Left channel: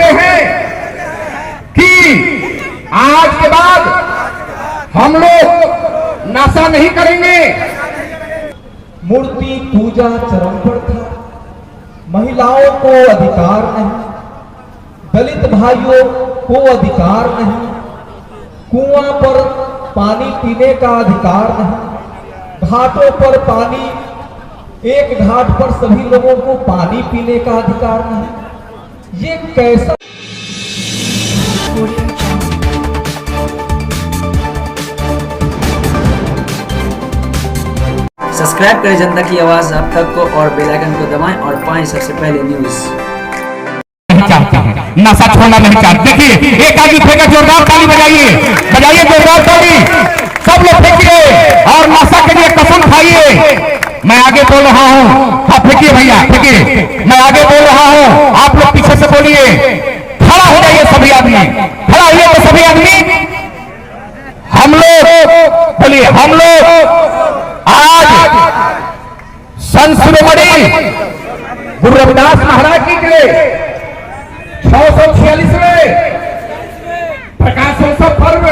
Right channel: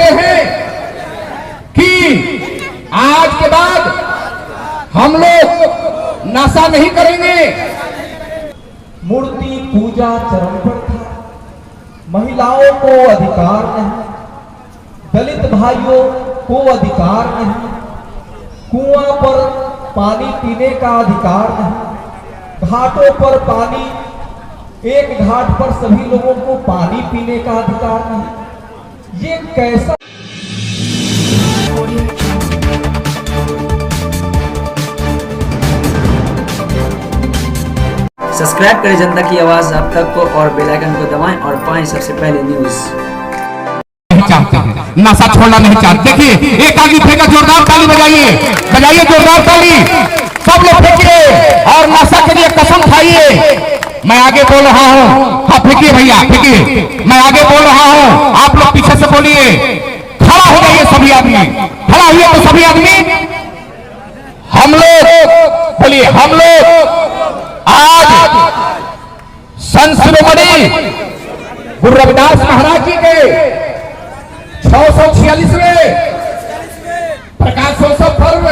लेते हैं कि आज के बाद हम लोग नशा नहीं करेंगे। मूर्ति पूजा चरम पर था, महिलाओं को अधिकार नहीं, दलित भाइयों को अधिकार नहीं, कुआं पर पानी पीने का अधिकार नहीं, घाटों पर पानी, एक घाट पर सभी लोगों को पानी पीने का अधिकार नहीं। ये कैसा सब्सक्राइब करें जनता की आवाज आप तक को और बेल आइकन को दबाएं और पाएं सबसे पहले न्यूज। नहीं चाहते हैं, नशा छोड़ना नहीं चाहते। देखिए एक आदमी फेंका, जोरदार ताली बजाइए, बजाइए जोरदार ताली, सब लोग फेंकिए और नशा के लिए कसम खाइए। मैं आगे बोल रहा हूँ, फेंकिए भैया फेंकिए, मैं आगे बोल रहा हूँ, आप लोग पीछे से बोलिए। खड़ा हो जाइए सभी आदमी, खड़ा हुए तो सभी आदमी। हम लोग बोलिए, हम लोग आज संत शिरोमणि गुरु रविदास महाराज जी के 646वें प्रकाशोत्सव पर्व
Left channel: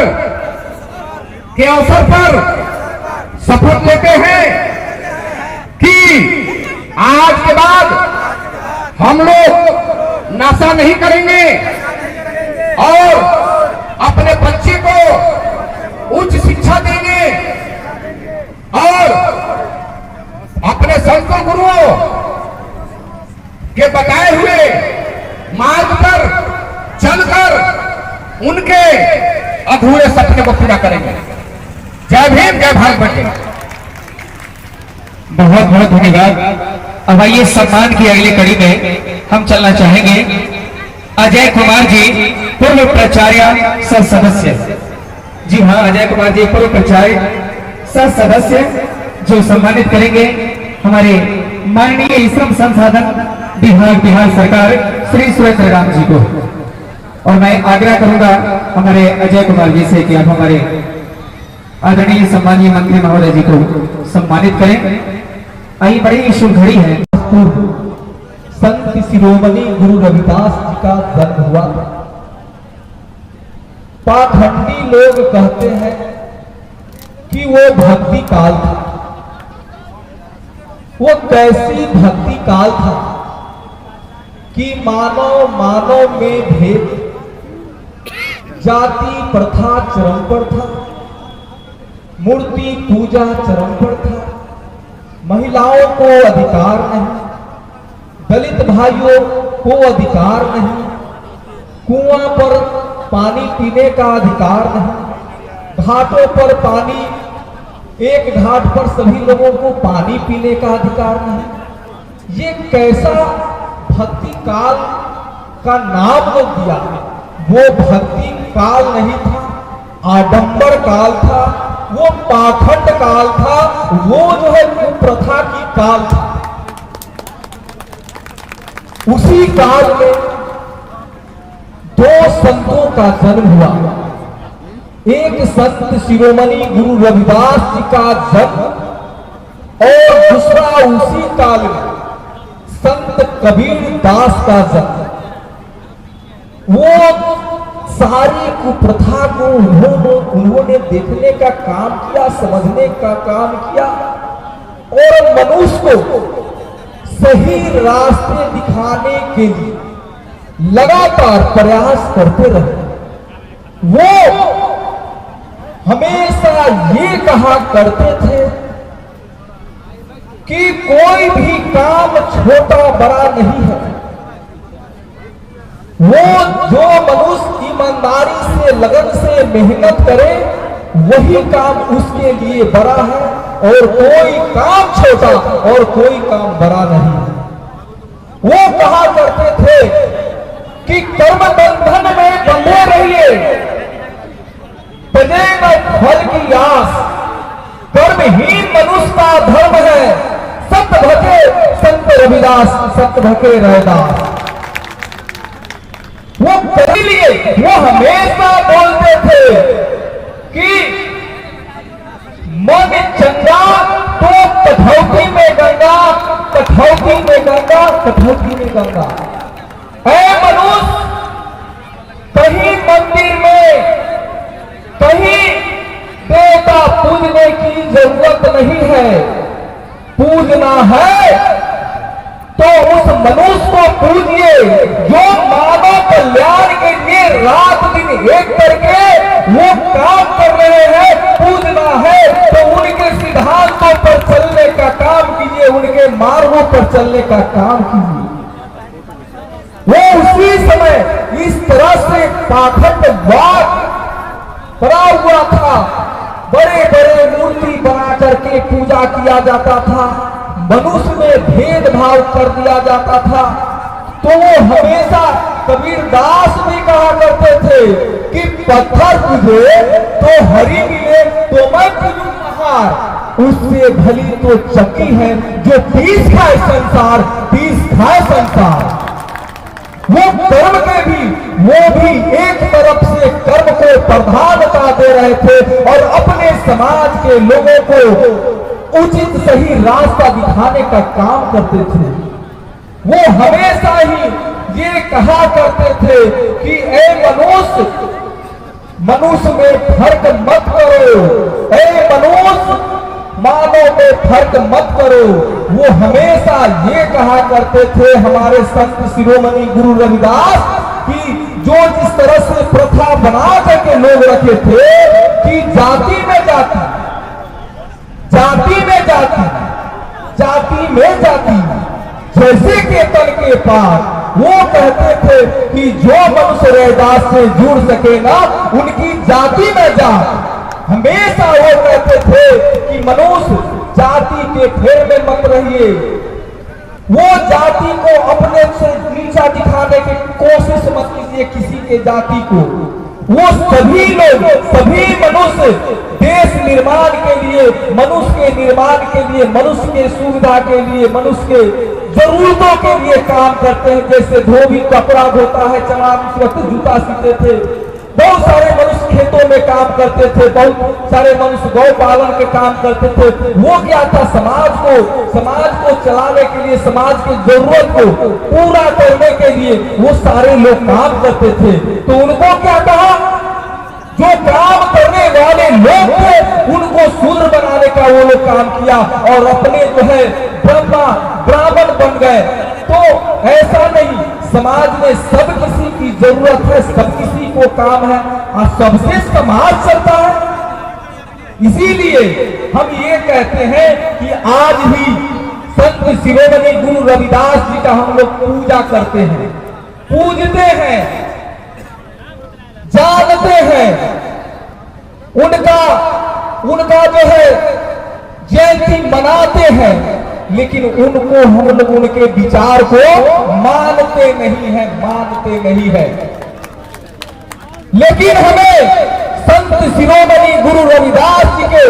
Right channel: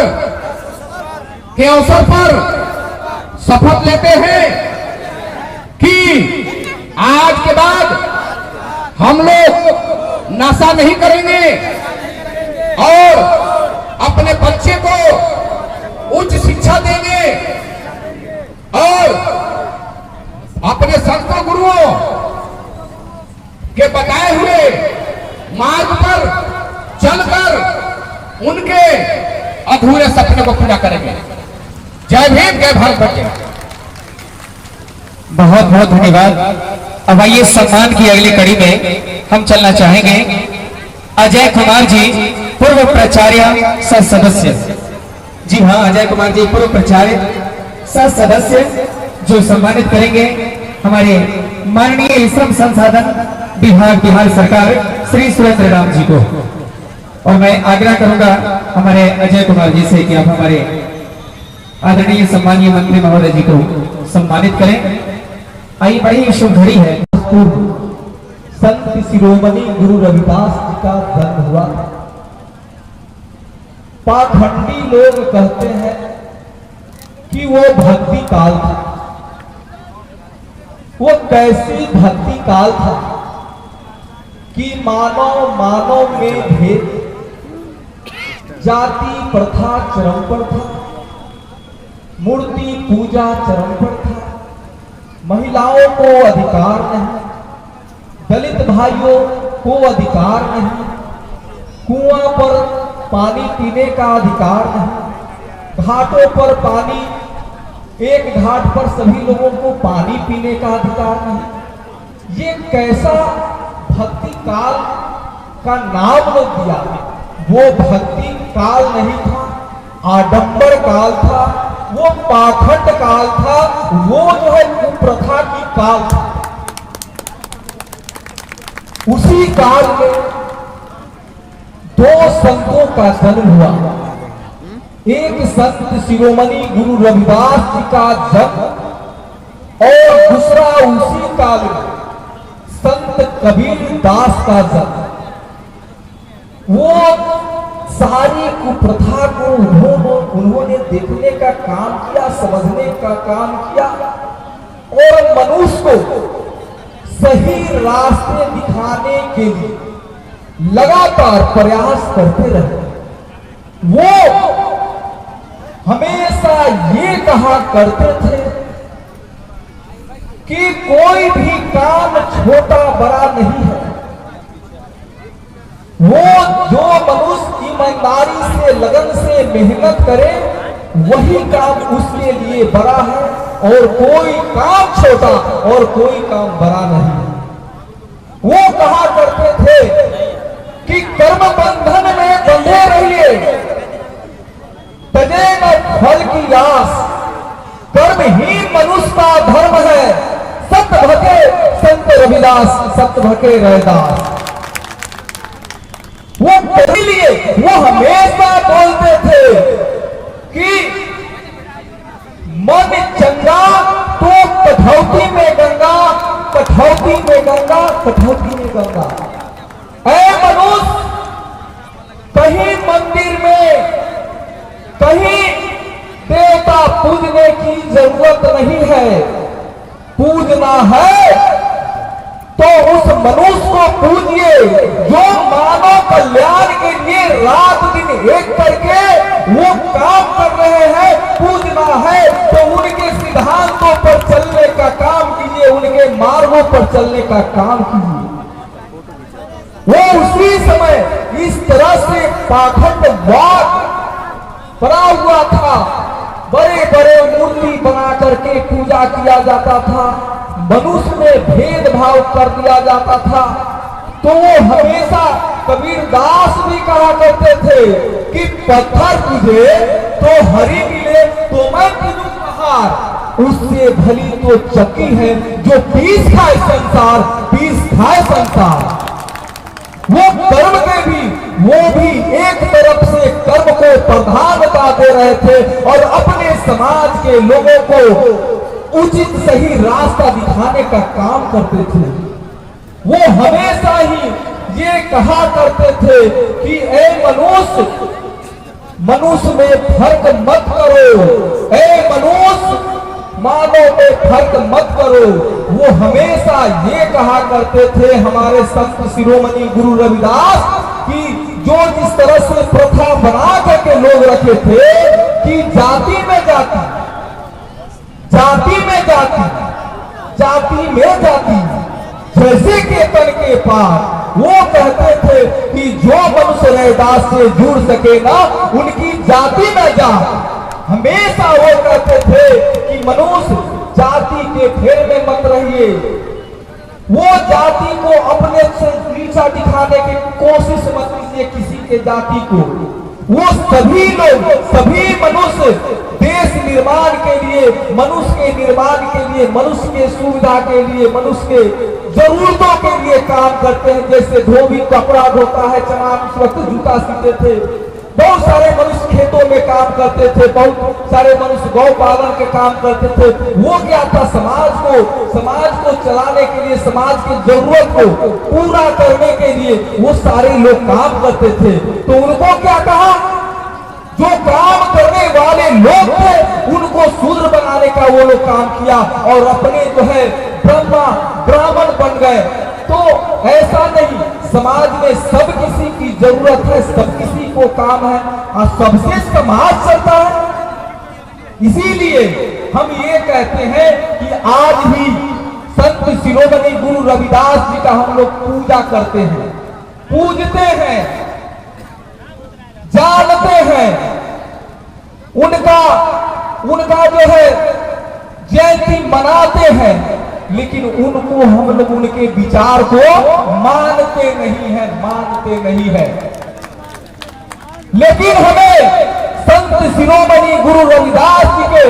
के अवसर पर शपथ लेते हैं कि आज के बाद हम लोग नशा नहीं करेंगे और अपने बच्चे को उच्च शिक्षा देंगे और अपने संत गुरुओं के बताए हुए मार्ग पर चलकर उनके अधूरे सपने को पूरा करेंगे। जय भीम, जय भारत बच्चे। बहुत बहुत धन्यवाद। अब आइए सम्मान की अगली कड़ी में हम चलना चाहेंगे अजय कुमार जी, पूर्व प्राचार्य सह सदस्य। जी हाँ, अजय कुमार जी पूर्व प्राचार्य सह सदस्य जो सम्मानित करेंगे हमारे माननीय श्रम संसाधन विभाग बिहार सरकार श्री सुरेंद्र राम जी को। और मैं आग्रह करूंगा हमारे अजय कुमार जी से कि आप हमारे आदरणीय सम्मानीय मंत्री महोदय जी को सम्मानित करें। आई बड़ी शुभ घड़ी है। संत शिरोमणि गुरु रविदास जी का जन्म हुआ। पाखंडी लोग कहते हैं कि वो भक्ति काल था। वो कैसी भक्ति काल था कि मानव मानव में भेद, जाति प्रथा चरम पर था, मूर्ति पूजा चरम पर था, महिलाओं को अधिकार नहीं, दलित भाइयों को अधिकार नहीं, कुआं पर पानी पीने का अधिकार नहीं, घाटों पर पानी, एक घाट पर सभी लोगों को पानी पीने का अधिकार नहीं। ये कैसा भक्ति काल का नाम लोग दिया। वो भक्ति काल नहीं था, आडंबर काल था, वो पाखंड काल था, वो जो है कुप्रथा की काल था। उसी काल में दो संतों का जन्म हुआ। एक संत शिरोमणि गुरु रविदास जी का जन्म और दूसरा उसी काल में संत कबीर दास का जन्म। वो सारी कुप्रथा को उन्होंने देखने का काम किया, समझने का काम किया और मनुष्य को सही रास्ते दिखाने के लिए लगातार प्रयास करते रहे। वो हमेशा ये कहा करते थे कि कोई भी काम छोटा बड़ा नहीं है। वो जो मनुष्य ईमानदारी से, लगन से मेहनत करे, वही काम उसके लिए बड़ा है और कोई काम छोटा और कोई काम बड़ा नहीं है। वो कहा करते थे कि कर्म बंधन में बंधे रहिए, तजेगा फल की आस, कर्महीन मनुष्य का धर्म है, सत भके संत रविदास, सत भके रविदास। वो इसलिए वो हमेशा बोलते थे कि मन चंगा तो कठौती में गंगा, कठौती में गंगा, कठौती में गंगा। ऐ मनुष्य नहीं है, पूजना है तो उस मनुष्य को पूजिए जो मानव कल्याण के लिए रात दिन एक करके वो काम कर रहे हैं। पूजना है तो उनके सिद्धांतों पर चलने का काम कीजिए, उनके मार्गों पर चलने का काम कीजिए। वो उसी समय इस तरह से पाखंडवाद बना हुआ था, बड़े बड़े मूर्ति बना करके पूजा किया जाता था, मनुष्य में भेदभाव कर दिया जाता था। तो वो हमेशा कबीरदास भी कहा करते थे कि पत्थर पूजे तो हरी मिले तो मैं पूजूं पहाड़, उससे भली तो चक्की है जो पीस खाए संसार, पीस खाए संसार। वो कर्म के भी वो भी एक तरफ से कर्म को प्रधानता दे रहे थे और अपने समाज के लोगों को उचित सही रास्ता दिखाने का काम करते थे। वो हमेशा ही ये कहा करते थे कि ए मनुष्य में फर्क मत करो, ए मनुष्य मानव में फर्क मत करो। वो हमेशा ये कहा करते थे हमारे संत शिरोमणि गुरु रविदास कि जो जिस तरह से प्रथा बना करके लोग रखे थे कि जाति में जाति, जाति में जाति, जाति में जाति, जैसे के तन के पार। वो कहते थे कि जो मनुष्य रैदास से जुड़ सके ना उनकी जाति में जात। हमेशा वो कहते थे कि मनुष्य जाति के फेर में मत रहिए, वो जाति को अपने से नीचा दिखाने की कोशिश मत कीजिए किसी के जाति को। वो सभी लोग, सभी मनुष्य देश निर्माण के लिए, मनुष्य के निर्माण के लिए, मनुष्य के सुविधा के लिए, मनुष्य के जरूरतों के लिए काम करते हैं। जैसे धोबी कपड़ा धोता है, चमार उस वक्त जूता सीते थे, बहुत सारे मनुष्य खेतों में काम करते थे, बहुत सारे मनुष्य गौ पालन के काम करते थे। वो क्या था, समाज को चलाने के लिए, समाज की जरूरत को पूरा करने के लिए वो सारे लोग काम करते थे। तो उनको क्या कहा, जो काम करने वाले लोग थे उनको शूद्र बनाने का वो लोग काम किया और अपने जो है ब्राह्मण बन गए। तो ऐसा नहीं, समाज में सब किसी की जरूरत है, सब किसी को काम है और सबसे समाज चलता है। इसीलिए हम ये कहते हैं कि आज ही संत शिरोमणि गुरु रविदास जी का हम लोग पूजा करते हैं, पूजते हैं, जानते हैं, उनका जो है जयंती मनाते हैं, लेकिन उनको हम लोग उनके विचार को मानते नहीं है। लेकिन हमें संत शिरोमणि गुरु रविदास जी के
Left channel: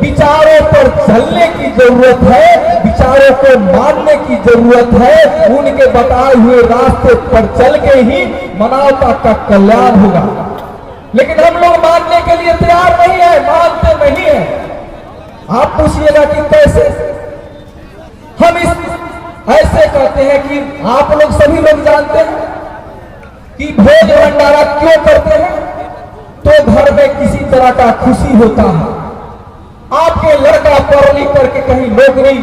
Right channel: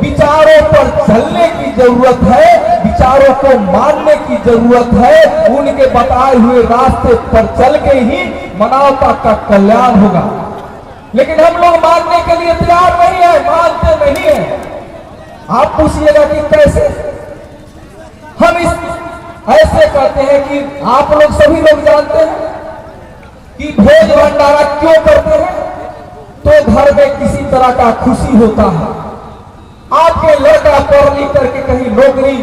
विचारों पर चलने की जरूरत है, विचारों को मानने की जरूरत है। उनके बताए हुए रास्ते पर चल के ही मानवता का कल्याण होगा। लेकिन हम लोग मानने के लिए तैयार नहीं है, मानते नहीं है। आप पूछिएगा कि कैसे, हम ऐसे कहते हैं कि आप लोग सभी लोग जानते हैं कि भोज भंडारा क्यों करते हैं, तो घर में किसी तरह का खुशी होता है। आपके लड़का पढ़ लिख करके कहीं नौकरी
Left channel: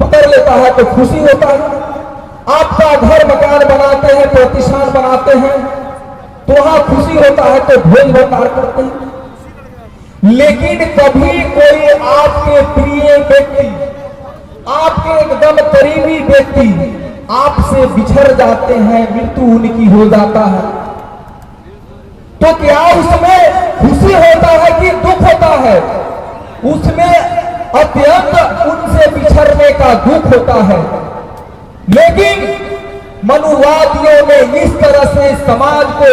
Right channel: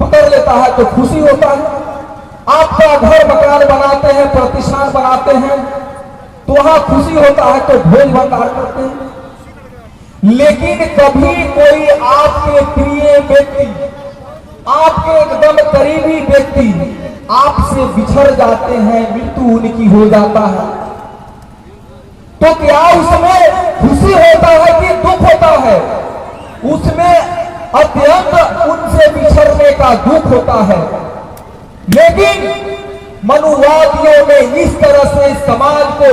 पकड़ लेता है तो खुशी होता है। आपका घर मकान बनाते हैं, प्रतिष्ठान बनाते हैं तो वहां खुशी होता है तो भोज भंडार करते हैं। लेकिन कभी कोई आपके प्रिय व्यक्ति, आपके एकदम करीबी व्यक्ति आपसे बिछड़ जाते हैं, मृत्यु उनकी हो जाता है, तो क्या उसमें खुशी होता है कि दुख होता है? उसमें अत्यंत उनसे बिछड़ने का दुख होता है। लेकिन मनुवादियों ने इस तरह से समाज को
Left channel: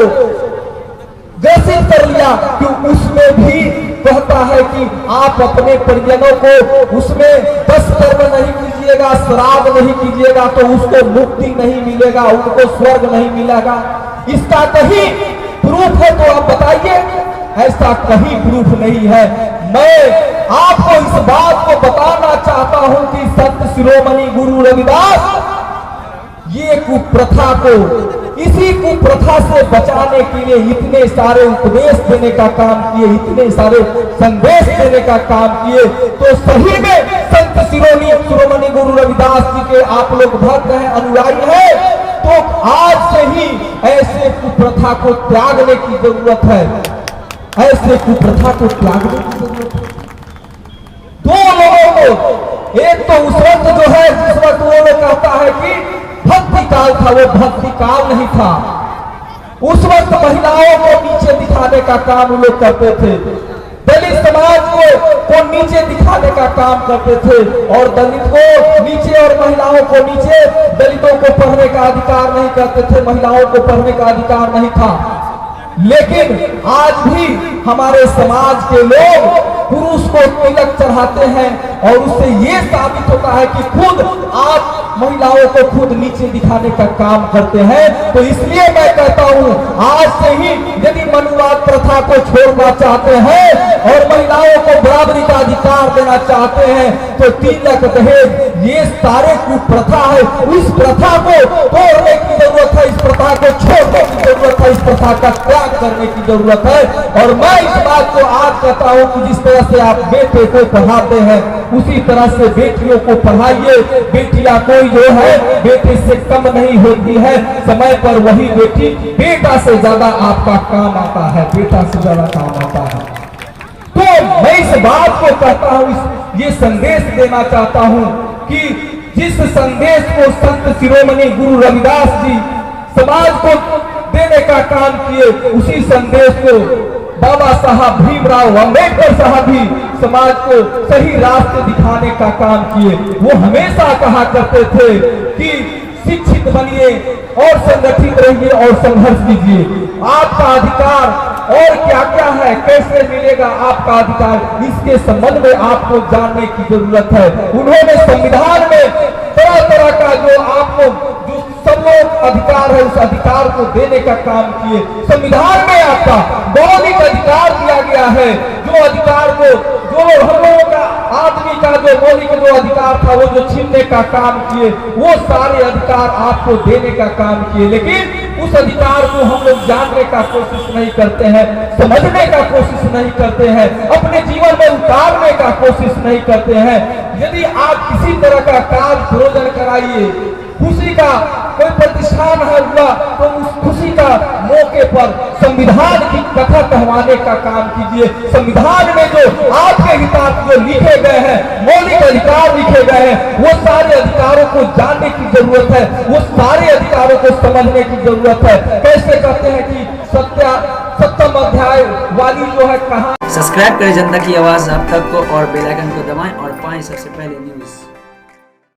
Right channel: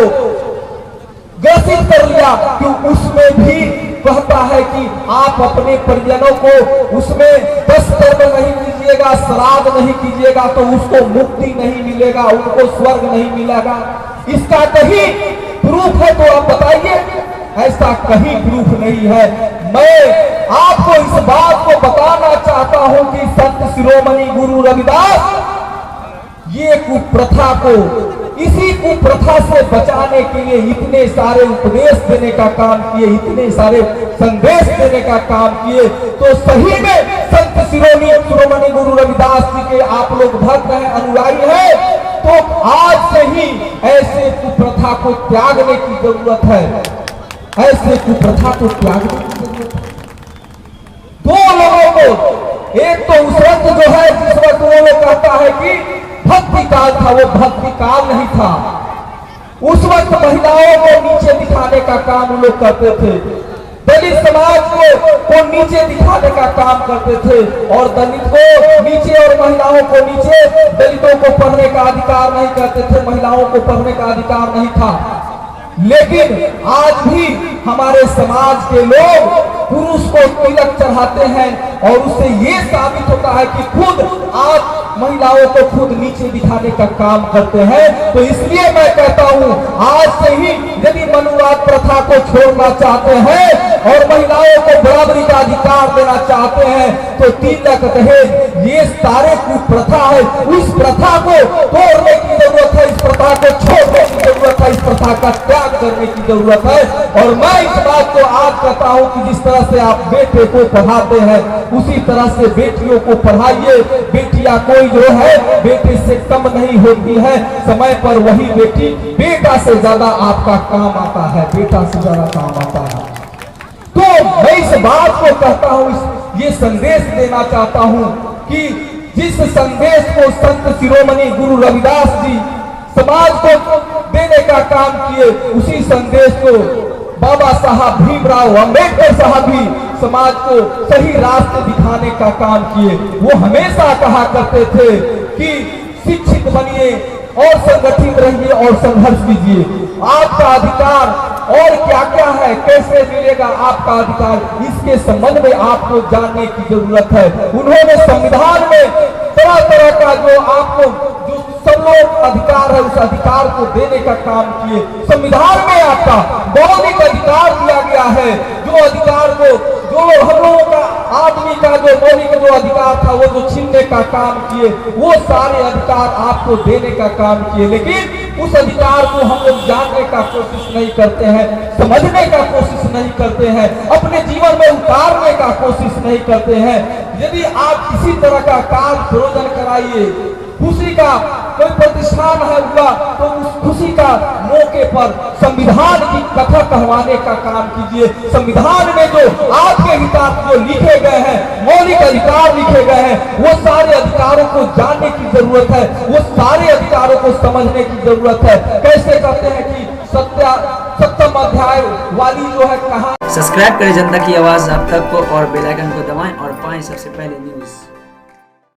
ग्रसित कर लिया कि उसमें भी कहता है कि आप अपने परिजनों को उसमें 10 कर्म नहीं कीजिएगा, श्राद्ध नहीं कीजिएगा तो उसको मुक्ति नहीं मिलेगा, उनको स्वर्ग नहीं मिलेगा। इसका कहीं प्रूफ है तो आप बताइए। ऐसा कहीं प्रूफ नहीं है। मैं आपको इस बात को बताना चाहता हूं कि संत शिरोमणि गुरु रविदास ये कुप्रथा को, इसी कुप्रथा से बचाने के लिए इतने सारे उपदेश देने का काम किए, इतने सारे संदेश देने का काम किए। तो सही में संत शिरोमणि गुरु रविदास जी के आप लोग भक्त हैं, अनुयायी हैं, तो आज से ही ऐसे कुप्रथा को त्यागने की जरूरत है, ऐसे कुप्रथा को त्यागने की जरूरत है। दो लोगों को, एक तो उस वक्त जो है जिस वक्त वो लोग कहता है कि भक्ति काल था, वो भक्ति काल नहीं था। उस वक्त महिलाओं को नीचे दिखाने का काम वो लोग करते थे, दलित समाज को नीचे दिखाने का काम करते थे, और दलित को नीचे और महिलाओं को नीचे, दलितों को पढ़ने का अधिकार नहीं करते थे, महिलाओं को पढ़ने का अधिकार नहीं था। लेकिन आज भी हमारे समाज के लोग पुरुष को तिलक चढ़ाते हैं और उससे ये साबित होता है कि खुद आप महिलाओं को खुद नीचे दिखाने का काम करते हैं। तो इसलिए मैं कहता हूं, आज से ही यदि मनुवाद प्रथा को छोड़ना चाहते हैं और महिलाओं को बराबरी का अधिकार देना चाहते हैं, तो तिलक दहेज ये सारे कुप्रथा है, इस प्रथा को तोड़ने की जरूरत है, इस प्रथा को छोड़ने की जरूरत है, इस प्रथा का त्याग करने की जरूरत है। और मैं इस बात को आज कहता हूं कि जिस तरह से आप बेटे को पढ़ाते हैं उसी तरह से बेटियों को पढ़ाइए। बेटियां कोई जो है बेटे से कम नहीं होती है, समय पर वही बेटी बेटा से ज्यादा आपका काम आता है, बेटा से ज्यादा काम आता है। तो मैं इस बात को कहता हूं, ये संदेश देना चाहता हूं कि जिस संदेश को संत शिरोमणि गुरु रविदास जी समाज को देने का काम किए, उसी संदेश को बाबा साहब भीमराव अंबेडकर साहब भी समाज को सही रास्ते दिखाने का काम किए। वो हमेशा कहा करते थे कि शिक्षित बनिए और संगठित रहिए और संघर्ष कीजिए। आपका अधिकार और क्या क्या है, कैसे मिलेगा आपका अधिकार, इसके संबंध में आपको जानने की जरूरत है। उन्होंने संविधान में तरह तरह का जो आपको जो सब लोग अधिकार है, उस अधिकार को देने का काम किए। संविधान में आपका मौलिक अधिकार दिया गया है, जो अधिकार को जो हम लोगों का आदमी का जो मौलिक जो अधिकार था वो जो छीनने का काम किए, वो सारे अधिकार आपको देने का काम किए। लेकिन उस अधिकार को हम लोग जानने का कोशिश नहीं करते हैं, समझने का कोशिश नहीं करते हैं, अपने जीवन में उतारने का कोशिश नहीं करते हैं। यदि आप किसी तरह का कार्य प्रयोजन कराइए, खुशी का कोई प्रतिष्ठान है हुआ, तो उस खुशी का मौके पर संविधान की कथा कहवाने का काम कीजिए। संविधान में जो आपके हितार्थ जो लिखे गए हैं, मौलिक अधिकार लिखे गए हैं, वो सारे अधिकारों को जानने की जरूरत है, वो सारे अधिकारों को समझने की जरूरत है। कैसे कहते हैं कि सप्तम अध्याय वाली जो है कहानी। सब्सक्राइब करें जनता की आवाज आप तक को और बेल आइकन को दबाएं और पाएं सबसे पहले न्यूज़।